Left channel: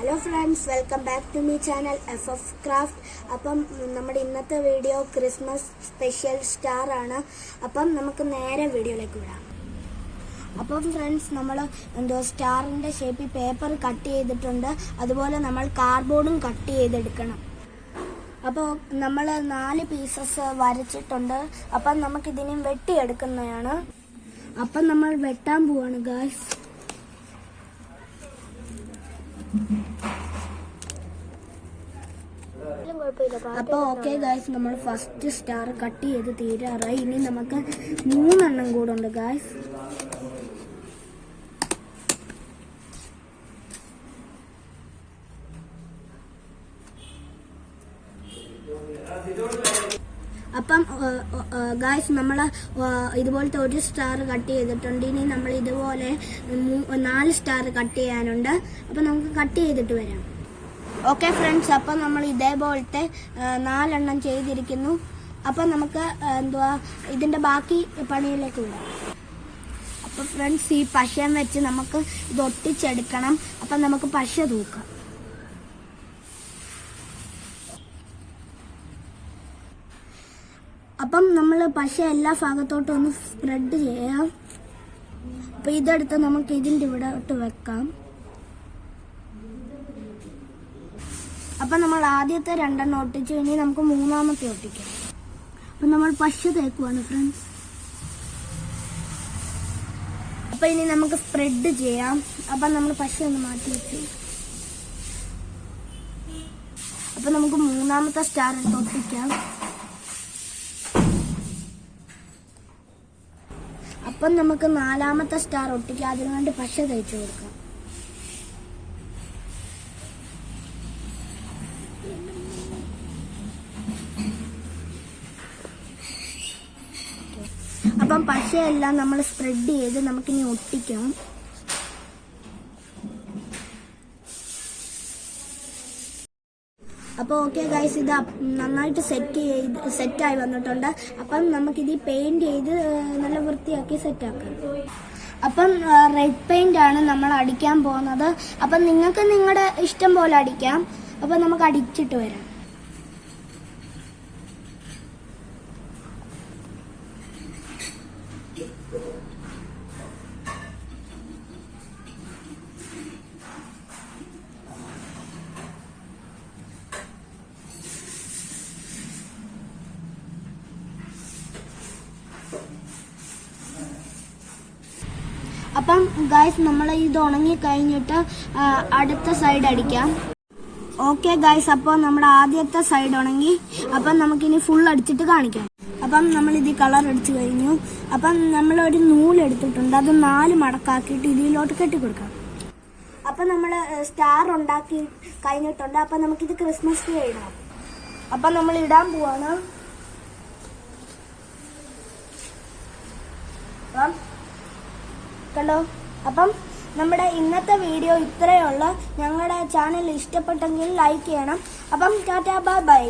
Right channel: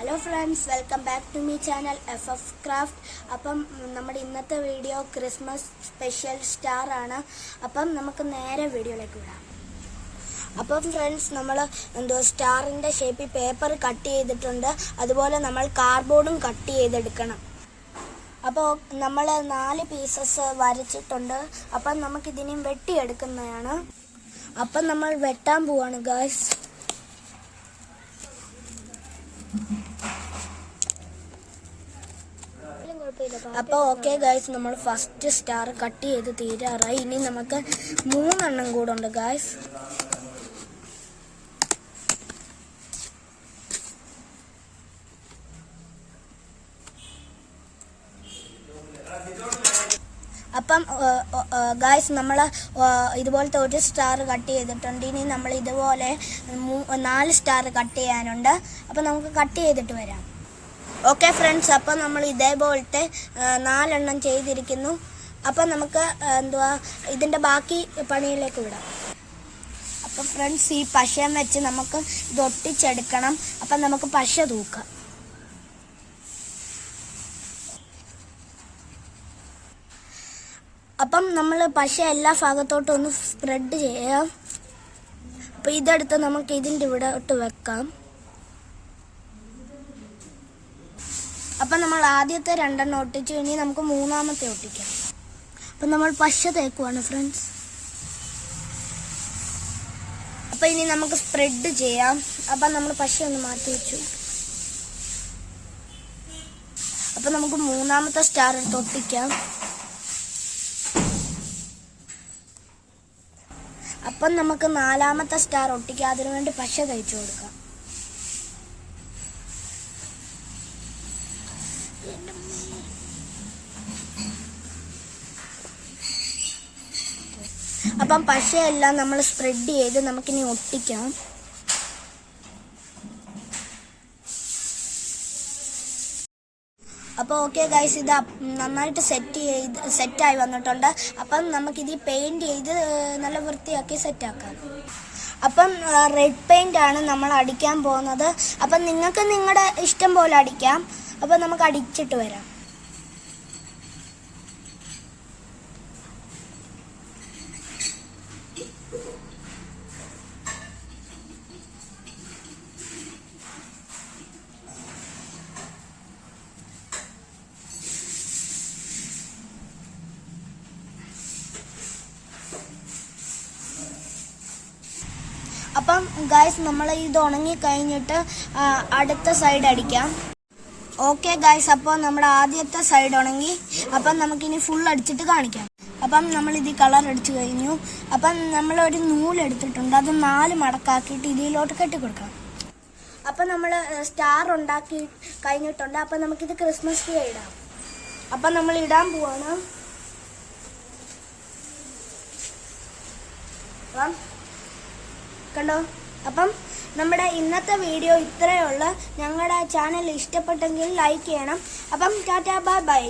Hello friends, welcome back to my channel FF craft. അപ്പം നമ്മുടെ ഇന്നത്തെ വീഡിയോ ക്രിസ്മസ് സ്പെഷ്യൽ സ്റ്റാർ ആണ്. അപ്പം നമുക്ക് നേരെ വീഡിയോയിലേക്ക് വിടാം. അപ്പം ഫ്രണ്ട്സ്, നമ്മൾ സ്റ്റാറിൻ്റെ ഷേപ്പിൽ പേപ്പർ കട്ട് ചെയ്തിട്ടുണ്ട്. അതുപോലെ നമ്മൾ കാർഡ്ബോർഡും കട്ട് ചെയ്തെടുക്കണം. അപ്പോൾ നമ്മൾ 4 പീസസ് വരച്ചിട്ടുണ്ട്. അപ്പം നമുക്കിതിനെയും വെട്ടിയെടുക്കുന്നതാണ്. അപ്പം നമ്മൾ വെട്ടാൻ പോവാണ് ഗായ്സ്. അപ്പോൾ ഓക്കെ ഗായ്സ്, നമ്മൾ ഫസ്റ്റ് സ്റ്റാർ കട്ട് ചെയ്ത് തീരാറായി. ഇനി നമുക്ക് 3 എണ്ണം കൂടെ ഉണ്ട് ഗായ്സ്. അപ്പം ഗായ്സ്, നമ്മൾ ഇതുപോലത്തെ ഒരു സ്റ്റാർ കട്ട് ചെയ്തിട്ടുണ്ട്. ഇനി നമ്മൾ ഇതുപോലെ 4 സ്റ്റാർ കട്ട് ചെയ്യാനുണ്ട്. അപ്പം നമുക്ക് കട്ട് ചെയ്തിട്ട് വരാം. ഓക്കെ ഫ്രണ്ട്സ്, അപ്പം നമ്മൾ ഇതേപോലത്തെ 4 എണ്ണം ചെയ്തിരിക്കുന്നു. അപ്പം നമുക്ക് ഇതിൻ്റെ ബാക്കി പണിയിലേക്ക് വിടാം. അപ്പം ഫ്രണ്ട്സ്, ഈ പശയം വെച്ച് നമുക്ക് ഇത് ഒട്ടിച്ചെടുക്കണം. അപ്പം നമുക്ക് പശ തൂക്കാം. അപ്പം നമ്മൾ പശ എല്ലാ ഭാഗത്തോട്ടും ഒന്ന് സ്പ്രെഡ് ചെയ്യാം. അപ്പം ഇതെടുത്ത് നമുക്ക് ഇതിൻ്റെ ഇവിടെ ഇട്ട് വെക്കാം. അപ്പം നമ്മൾ ആദ്യത്തെ 2 എണ്ണം ഒട്ടിച്ചു. ഇനി നമുക്ക് 3-ാമത്തെ ഒട്ടിക്കാം. അപ്പം നമ്മൾ പശ തേക്കുവാണ് ഫ്രണ്ട്സ്. അപ്പം ഇനി നമുക്ക് സ്പ്രെഡ് ചെയ്യാം. അപ്പം നമ്മൾ പശ ഒന്ന് മാറ്റി വെച്ചു. അപ്പം നമുക്ക് 3-ാമത്തെ സ്റ്റാർ എടുത്ത് ഒട്ടിക്കാം. അപ്പം നമുക്ക് 4-ാമത്തെ സ്റ്റാർ ഒട്ടിക്കാം. അതിനുവേണ്ടി പശ തേച്ചു കൊടുക്കാം. അപ്പം പശയെല്ലാം നമ്മൾ സ്പ്രെഡ് ചെയ്ത് നമുക്കിനി ഒട്ടിക്കാം. അപ്പോൾ ഓക്കെ ഗൈസ്, ഇത് നന്നായിട്ട് സെറ്റായി വന്നിട്ടുണ്ട്. അപ്പം നമുക്കിത് പെയിൻറ് ചെയ്ത് നല്ല വൃത്തിയാക്കി സെറ്റാക്കാം. അപ്പം റെഡ് പെയിൻ്റ് ആണ് നമ്മൾ അടിക്കാൻ പോകുന്നത്. അപ്പം നിങ്ങൾക്ക് നിങ്ങളുടെ ഇഷ്ടം പോലെ അടിക്കാം. അപ്പം നമുക്ക് അടിച്ചിട്ട് വരാം. അപ്പം ഗായ്സ്, നമ്മൾ ഇത് ഉണങ്ങി കഴിഞ്ഞിട്ട് അടുത്ത സൈഡ് അടിക്കാം. ഓക്കെ ഗായ്സ്, അപ്പോൾ നമ്മുടെ ആദ്യത്തെ സൈഡ് ഉണങ്ങി. അപ്പം നമുക്കിനി ഫുൾ അടിച്ചിട്ട് കാണിക്കാം. അപ്പം നമ്മളിത് കളർ അടിച്ചു കഴിഞ്ഞു. അപ്പം നമ്മളൊരു നൂലെടുത്തിട്ടുണ്ട്. അത് 4 മടക്കാക്കിയിട്ട് ഇതിലോട്ട് കെട്ടിക്കൊടുക്കാം. അപ്പം നമ്മൾ സ്റ്റാർ ഉണ്ടാക്കി കഴിഞ്ഞിട്ടുണ്ട്. അപ്പം നമുക്കിത് ക്രിസ്മസ് ട്രീ ഇടാം. അപ്പം നമ്മൾ ഇടാൻ പോവാണ്. കണ്ടോ? അപ്പം നമ്മുടെ ഇന്നത്തെ വീഡിയോ ഇത്രയേ ഉള്ളൂ. ഞങ്ങളുടെ ചാനൽ ഇഷ്ടപ്പെട്ടെങ്കിൽ ലൈക്ക് ചെയ്യണം. അപ്പം ടാറ്റാ, ബൈ ബൈ.